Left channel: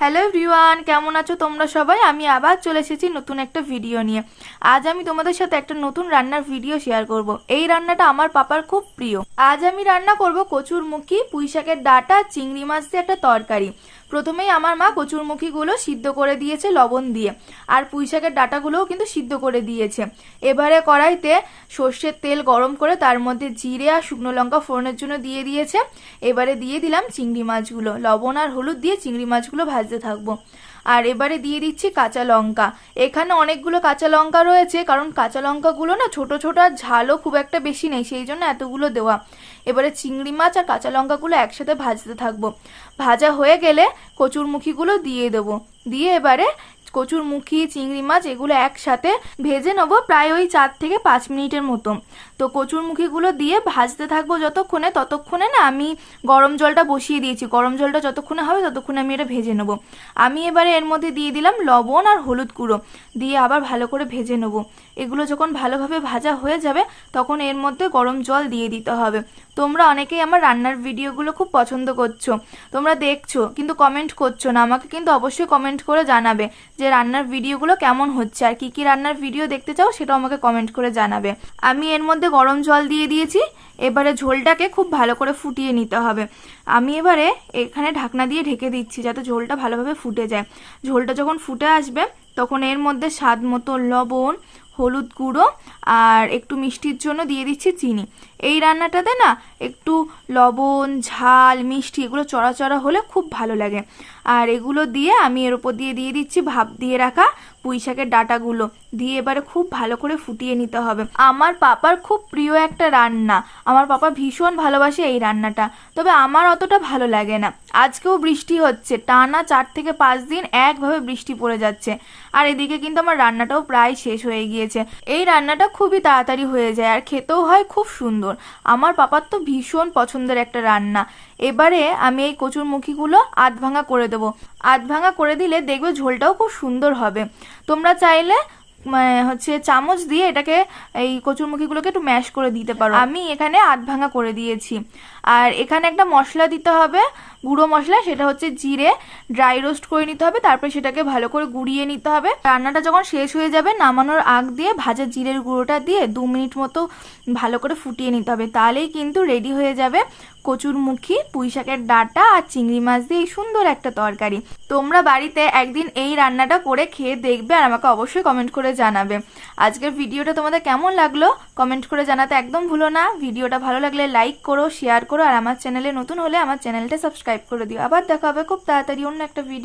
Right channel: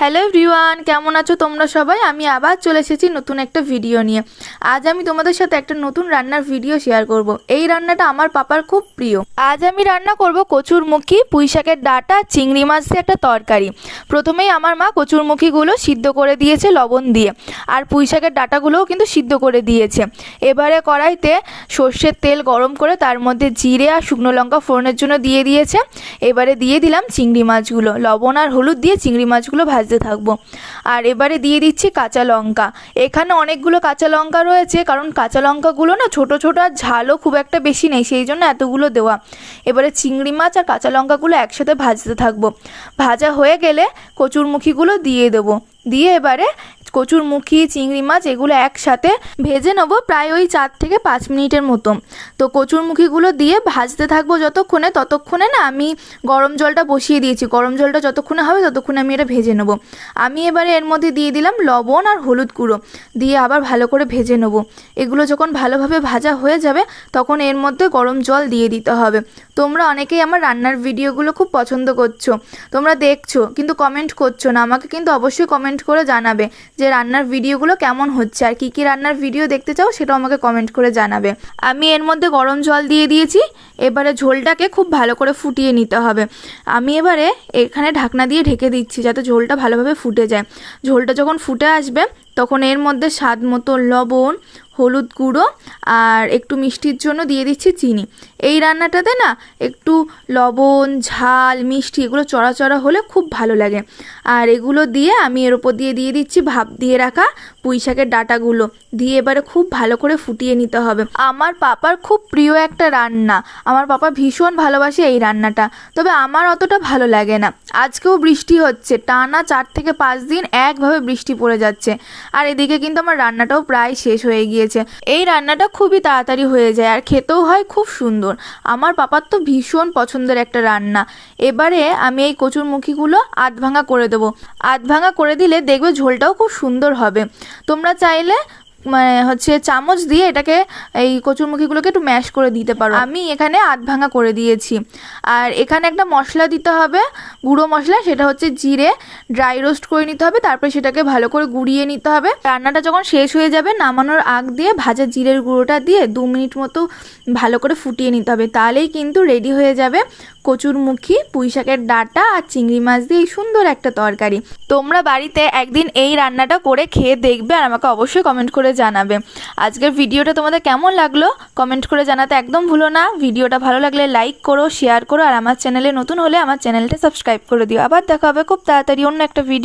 Hello everyone, কেমন আছো তোমরা সবাই? আমি আবার চলে এসেছি নতুন একটা ভিডিও নিয়ে। আজ আমি তোমাদের সাথে একটা নতুন রান্নার ভিডিও শেয়ার করব। এই রান্নাটা আমার পাপার খুব প্রিয়। আজ আমি রান্না করব কচুরমুখী, পুঁইশাকের ডাঁটা, চিংড়ি মাছ দিয়ে একটা তরকারি। প্রথমেই আমার মা কচুরমুখীগুলো সিদ্ধ করে দিয়েছে লবণ দিয়ে, আর পুঁইশাকের ডাঁটাগুলোও কিন্তু সিদ্ধ করে দিয়েছে। এবারে কড়াইতে সর্ষের তেল গরম করে তার মধ্যে জিরে আর শুকনো লঙ্কা ফোড়নের জন্য দিয়ে দিয়েছে। এবারে দিয়ে দিলাম চিংড়ি মাছগুলো, লবণ আর হলুদ দিয়ে চিংড়ি মাছগুলো ভাজতে থাকবো। আর এবারে দিয়ে দিচ্ছি কাঁচা লঙ্কা। এখানে অনেকগুলো কাঁচা লঙ্কা রয়েছে, কারণ কাঁচা লঙ্কাগুলো না ছোট ছোট আর ঝালও খুব একটা বেশি নেই, সেই জন্য এতগুলো দেওয়া। এবারে চিংড়ি মাছ আর কাঁচা লঙ্কাগুলো একসাথে ভাজতে থাকবো। ভাজা হয়ে গেলে কচুরমুখীগুলো দিয়ে দেবো। দিয়ে এবারে কচুরমুখী, চিংড়ি মাছ এগুলো একসাথে ভেজে নেবো প্রায় ওই 4 থেকে 5 মিনিটের মতো। তো কচুরমুখীগুলো দিয়ে ভাজতে থাকবো ততক্ষণে না আমি গরম জলটা বসিয়ে দিয়েছি। গরম জলটা যতক্ষণে হবে ততক্ষণে আমি এটা ভেজে নেবো। আমি এবারে এর মধ্যে দিয়ে দিলাম লবণ আর হলুদ গুঁড়ো, দিয়ে আবার ভালো করে ভেজে নেবো। এগুলো যখন ভালোভাবে ভাজা হয়ে যাবে তখন এর মধ্যে গরম জল দিয়ে দিতে হবে। তোমরা অনেকেই আমার রান্নার ভিডিওগুলো খুব পছন্দ করছো, তোমরা দেখছো কিন্তু কমেন্ট করছো না। আমাকে কিন্তু অবশ্যই কমেন্ট করে জানাবে যে রান্নার ভিডিওগুলো কেমন হচ্ছে, আর কী কী রান্নার ভিডিও দেখতে চাও সেটাও আমাকে কমেন্ট করে জানাবে। আমি এর মধ্যে গরম জল দিয়ে দিয়েছি। এবারে ঝোলটাকে খুব ভালো করে ফুটিয়ে নিতে হবে। আমি এবারে এখানে ঢাকনা দিয়ে ঢেকে দিচ্ছি যাতে ঝোলটা ভালোভাবে ফুটে যায়। ঝোলটা যখন ফুটে আসবে তখন এর মধ্যে স্বাদ মতো লবণ, হলুদ গুঁড়ো আর একটু মিষ্টির জন্য দিয়ে দিচ্ছি চিনি। এই রান্নাটাতে না একটু লবণ, ঝাল, মিষ্টি এগুলো চড়া চড়া হলে খুব ভালো লাগে। আর এগুলো দিয়ে আমি এর ওপর দিয়ে দিচ্ছি ভাপ দিয়ে রাখা পুঁইশাকের ডাঁটাগুলো, দিয়ে এবারে খুব ভালো করে ফুটিয়ে নিতে হবে। আমার পাপার খুব প্রিয় একটা রান্না, আমার পাপা ভীষণ ভালোবাসে এই রান্নাটা, তবে আমার অতটা ভালো লাগে না। আজকেও বৃষ্টি হচ্ছে, টানা 4 থেকে 5 দিন একভাবে বৃষ্টি পড়ে যাচ্ছে। আর এদিকে কিন্তু আমার রান্নাটাও প্রায় শেষ হয়ে গিয়েছে। এই রান্নাটা খুবই তাড়াতাড়ি হয়ে যায় আর খেতেও হয় খুব সুন্দর। আমার পাপার তো ভীষণ পছন্দের একটা রান্না। এবারে আমি এই কচুরমুখীগুলো আধ ভাঙা করে দেবো। আধ ভাঙা করে দিলে দেখবে ঝোলটাও খুব সুন্দর হবে। তোমরা চাইলে চামচ দিয়ে এটাকে, এই কচুরমুখীগুলোকে একটু ম্যাশ করে দিতে পারো। আমি এখানে আধ ভাঙা করে দিয়েছি। আর এখানে একটা মশলা দিতে হবে, গুঁড়ো মশলা, সেটা হচ্ছে জিরে ড্রাই রোস্ট করে নিতে হবে, তারপরে সেটাকে ভালো করে গুঁড়িয়ে নিতে হবে। রান্নাটা যখন শেষ হয়ে যাবে নামানোর আগ দিয়ে ভাজা জিরের গুঁড়োটা দিয়ে 2 মিনিট মতো ভালো করে ফুটিয়ে নিতে হবে। তাহলেই কিন্তু রেডি হয়ে যাবে কচুরমুখী, পুঁইশাকের ডাঁটা আর চিংড়ি মাছ দিয়ে সুন্দর একটা তরকারি। তোমরা বাড়িতে একদিন এই রান্নাটা করে খেয়ে দেখবে আর আমাকে অবশ্যই কমেন্ট করে জানাবে। আজকের ভিডিওটা তোমাদের কেমন লাগলো কমেন্ট করে জানাতে একদম ভুলো না। ভিডিওটা ভালো লাগলে লাইক করো, শেয়ার করো, আর আমার চ্যানেলে নতুন হলে আমার চ্যানেলটা সাবস্ক্রাইব করে দিও। আবার দেখা হবে খুব তাড়াতাড়ি অন্য একটা ভিডিও।